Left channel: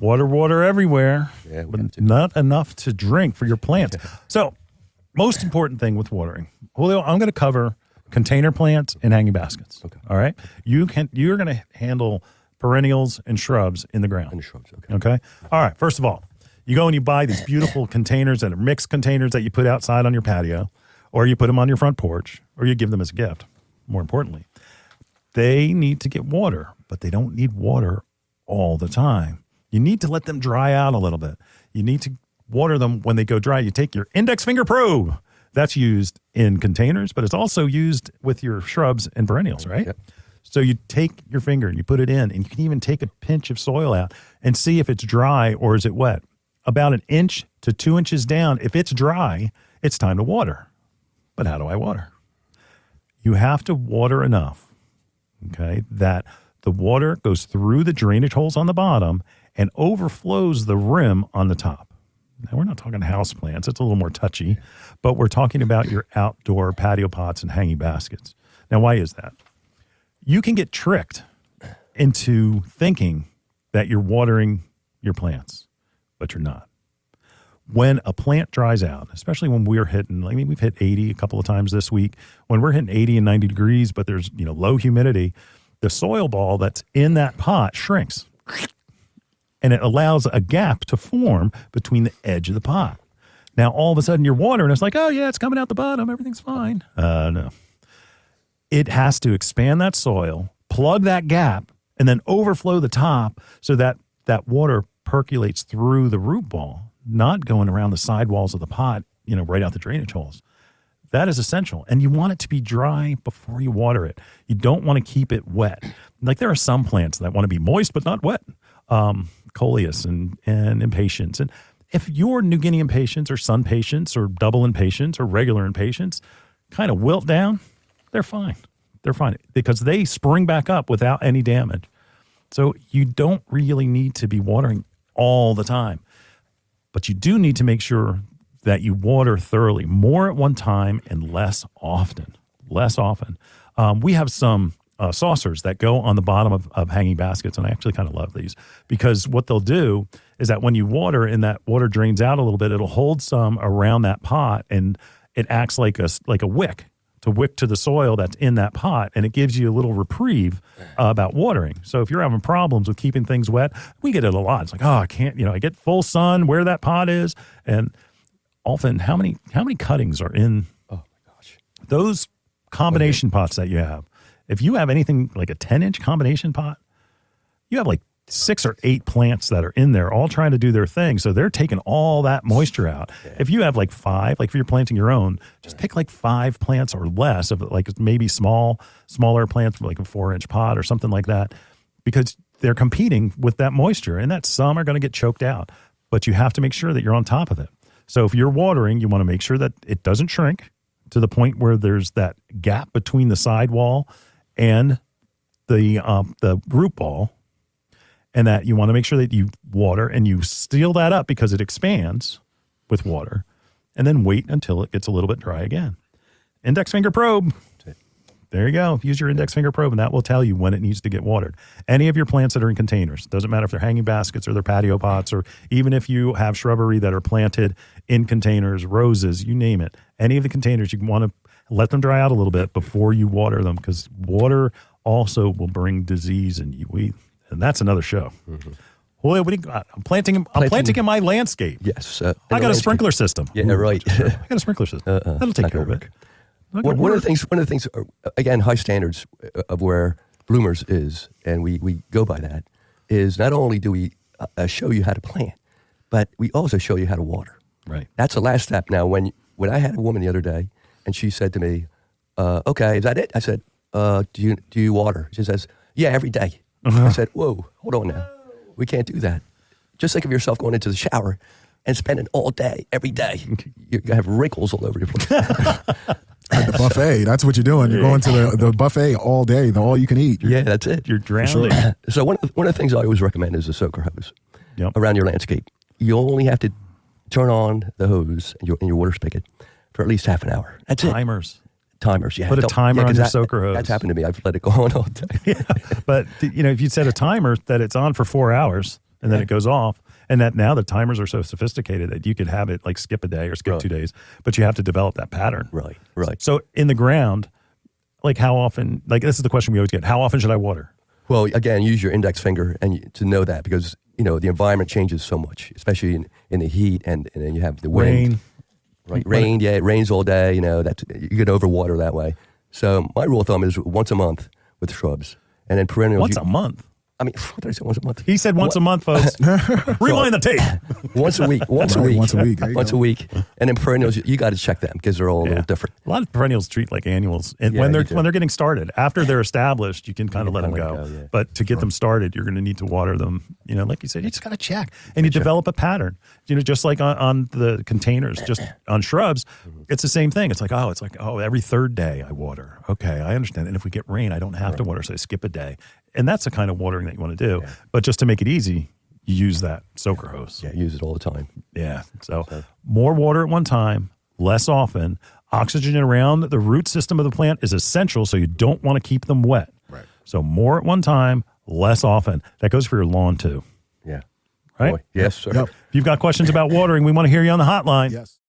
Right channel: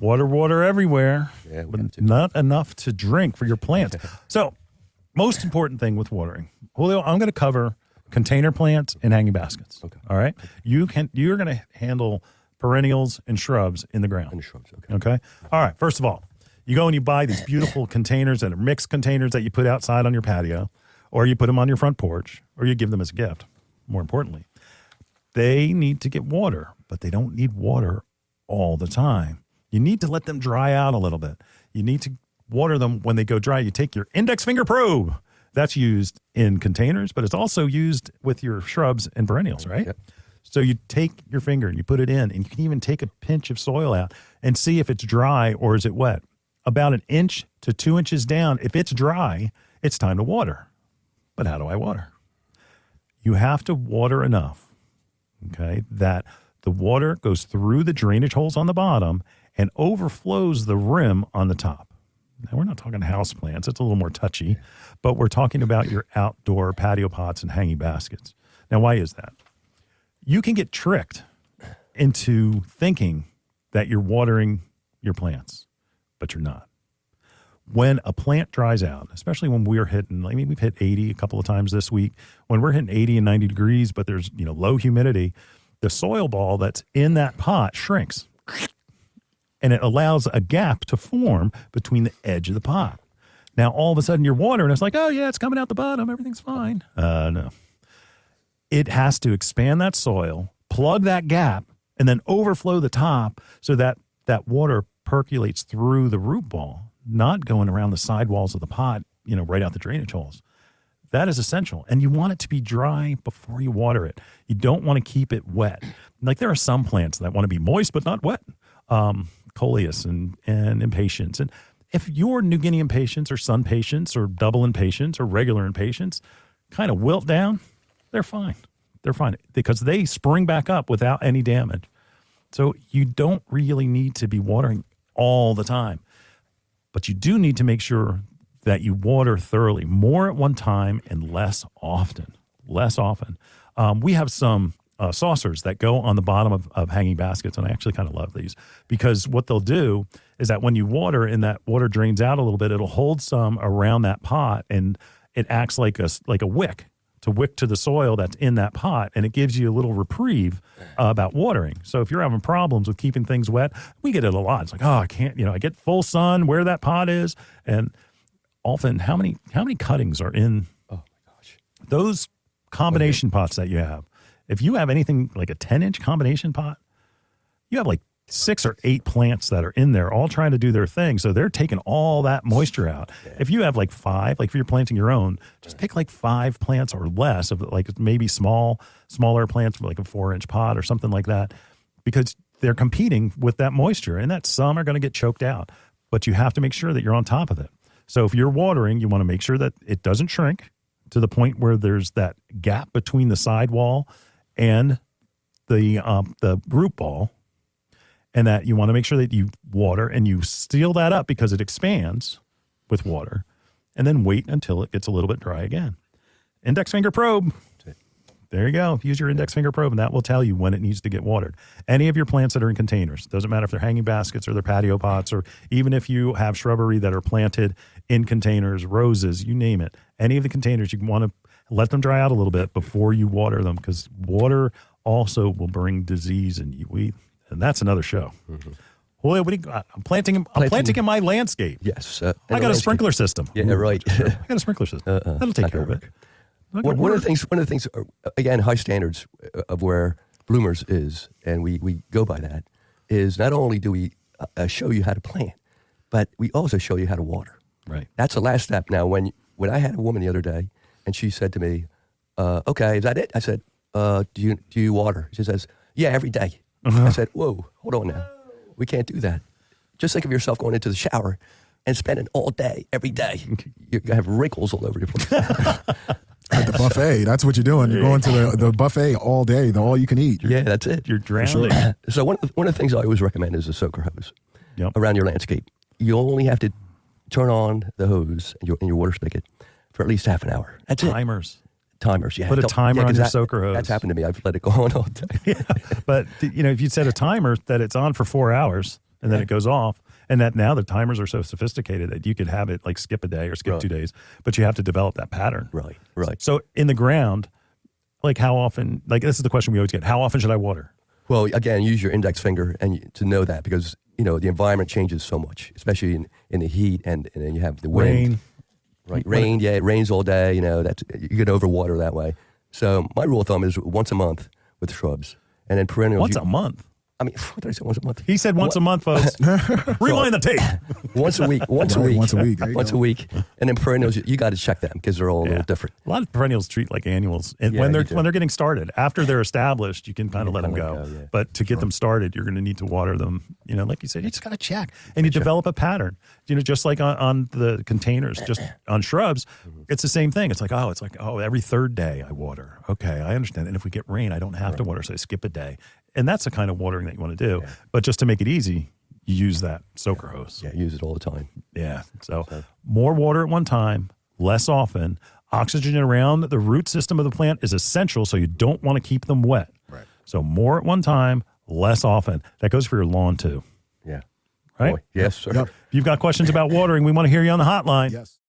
Water everywhere, Yeah, but not enough to drink for your plants. So, most important thing with watering, Julio, I'm going to cover container plants and hanging baskets. Okay. All right. You're going to handle perennials and shrubs in the ground. And shrubs, okay. Okay. All right. First of all, you go and you buy these beautiful containers and mixed containers that you put outside on your patio, or you put them on your front porch, or you give them as a gift. More importantly, they need to get water, but they don't need water all the time. You need to let them dry out a little bit. You need to water them when they go dry. You take your index finger probe. That's used in containers, but it's also used with your shrubs and perennials, right? Yep. So you take your finger and you put it in, and you can even take a pinch of soil out and see if it's dry or is it wet. About 1 inch to 2 inches down, if it's dry, it's time to water. But how do I water? You have to water enough, okay, that the water goes through the drainage holes on the bottom and overflows the rim on the top. Now, we're not talking house plants. It's a little more touchy, but we're talking about your outdoor patio pots and hanging baskets. Now, why is that? You can get tricked into thinking that you're watering your plants, but you're not. When a plant dries out, especially when we're hitting, I mean, we've hit 80 a couple of times this week. When we're hitting 80 and 90 degrees, but there's, low humidity, the soil ball that's in that pot shrinks. And it allows a gap to form between the edge of the pot. Now, all of a sudden, you're watering. It's like, oh, yeah, it's coming out the bottom. Everything's fine. No. It has to expand that soil, plug that gap, and then overflow the top so that that water percolates through the root ball, not going around the sidewalls of the pot, right out the drainage holes. That is essential. And you want it to be dry before you water it. You don't want to keep it wet. Like there are some plants that want to be moist but not wet. Coleus and impatiens. And if your New Guinea impatiens or sun patients or double impatiens or regular impatiens kind of wilt down, they're fine. They're fine because they spring back up without any damage. So you don't really need to be watering all the time, but you do need to make sure that you water thoroughly, more at one time and less often. We have some saucers that go on the bottom of hanging baskets, and I actually kind of love these because what they'll do is that when you water and that water drains out a little bit, it'll hold some around that pot, and it acts like a wick to the soil that's in that pot, and it gives you a little reprieve about watering. So if you're having problems with keeping things wet, we get it a lot. It's like, oh, I can't, I get full sun where that pot is, and often how many cuttings are in those combination pots that you have? If you have anything like a 10-inch combination pot, you have like 6 or 8 plants that are in there all trying to do their thing. So they're taking all that moisture out. If you have like 5, like if you're planting your own, just pick like 5 plants or less of like maybe smaller plants, like a 4-inch pot or something like that, because they're competing with that moisture, and that some are going to get choked out, but you have to make sure that you're on top of it. So if you're watering, you want to make sure that it doesn't shrink to the point where there's that gap between the sidewall and the root ball, and that you want to make sure that you water and you seal that up because it expands with water, and then wait until it gets a little bit dry again. Index finger probe. There you go. Use your index finger probe, and that will tell you when it needs to get watered. Any of your plants that are in containers, doesn't matter if they're hanging baskets or they're patio pots, or even if you have shrubbery that are planted in containers, roses, you name it. Any of the containers, you want to let them dry out a little bit before you water them, because water also will bring disease in you. And that's another show. Mm-hmm. Boy, what do you got? I'm planting in my landscape. Yes. I got a sprinkler system. Yeah, right. I got a sprinkler system. That'll take care of it. One of the things, again, high standards of where Bloomers is, and we go by that, is not only do we show you how to plant, but we also show you how to water. Right. That's the last step. Now, when I had a woman the other day, and she said to me, okay, is that it? I said, do you water? She says, yeah, every day. Uh-huh. I said, whoa, hold on now. We can't do that. Just think of yourself going into the shower and spending all day, every day. You have wrinkles all over your place. At the buffet, that's what you're doing. You're going to the buffet all day, all you can eat. Yeah, that's it. You're drowning. So one of the things I always recommend is a soaker hose around your landscape. You only have to turn on the hose in your water spigot for at least half an hour. That's Timers. Yeah. Put a timer on your soaker hose. That's happened to me. I've let it go on all day. Yeah. But, if you set a timer that it's on for 4 hours, and then it goes off. And that now the timers are so sophisticated that you could have it like skip a day or skip 2 days, but you have to develop that pattern. Right. So in the ground, like how often, like this is the question we always get, how often should I water? Well, again, use your index finger to know that, because, you know, the environment changes so much, especially in the heat, and then you have the wind. Right. Rain, yeah, it rains all day, you know, you get overwater that way. So my rule of thumb is once a month with shrubs. And then perennials. Once a month? I mean, what did I say, once a month? He said once a month, folks. Rewind the tape. Once a week. Once a week. Once a week. And then perennials, you got to check them because they're all a little different. A lot of perennials treat like annuals, and when they're getting started, after they're established, you can kind of let them go. But to get them started, you're going to need to water them. You know, like you said, you just got to check, and you develop a pattern. You know, just like on the containers, just on shrubs, it's the same thing. It's like every third day I water. Okay, I understand. And if we get rain, I don't have to water, so I skip a day. And that's the kind of watering that you want to do. Yeah. But just to make it easy, you use that soaker hose. Yeah, use it all the time. Yeah. So more water at one time, less often. Oxygen around the root system of the plant is essential, so you don't want to keep them wet. Right. So more at one time, less often. That goes for your lawn too. Yeah. Right? Yes, sir. Yep. If you've got questions about watering, we want to hear you on the hotline. Yes.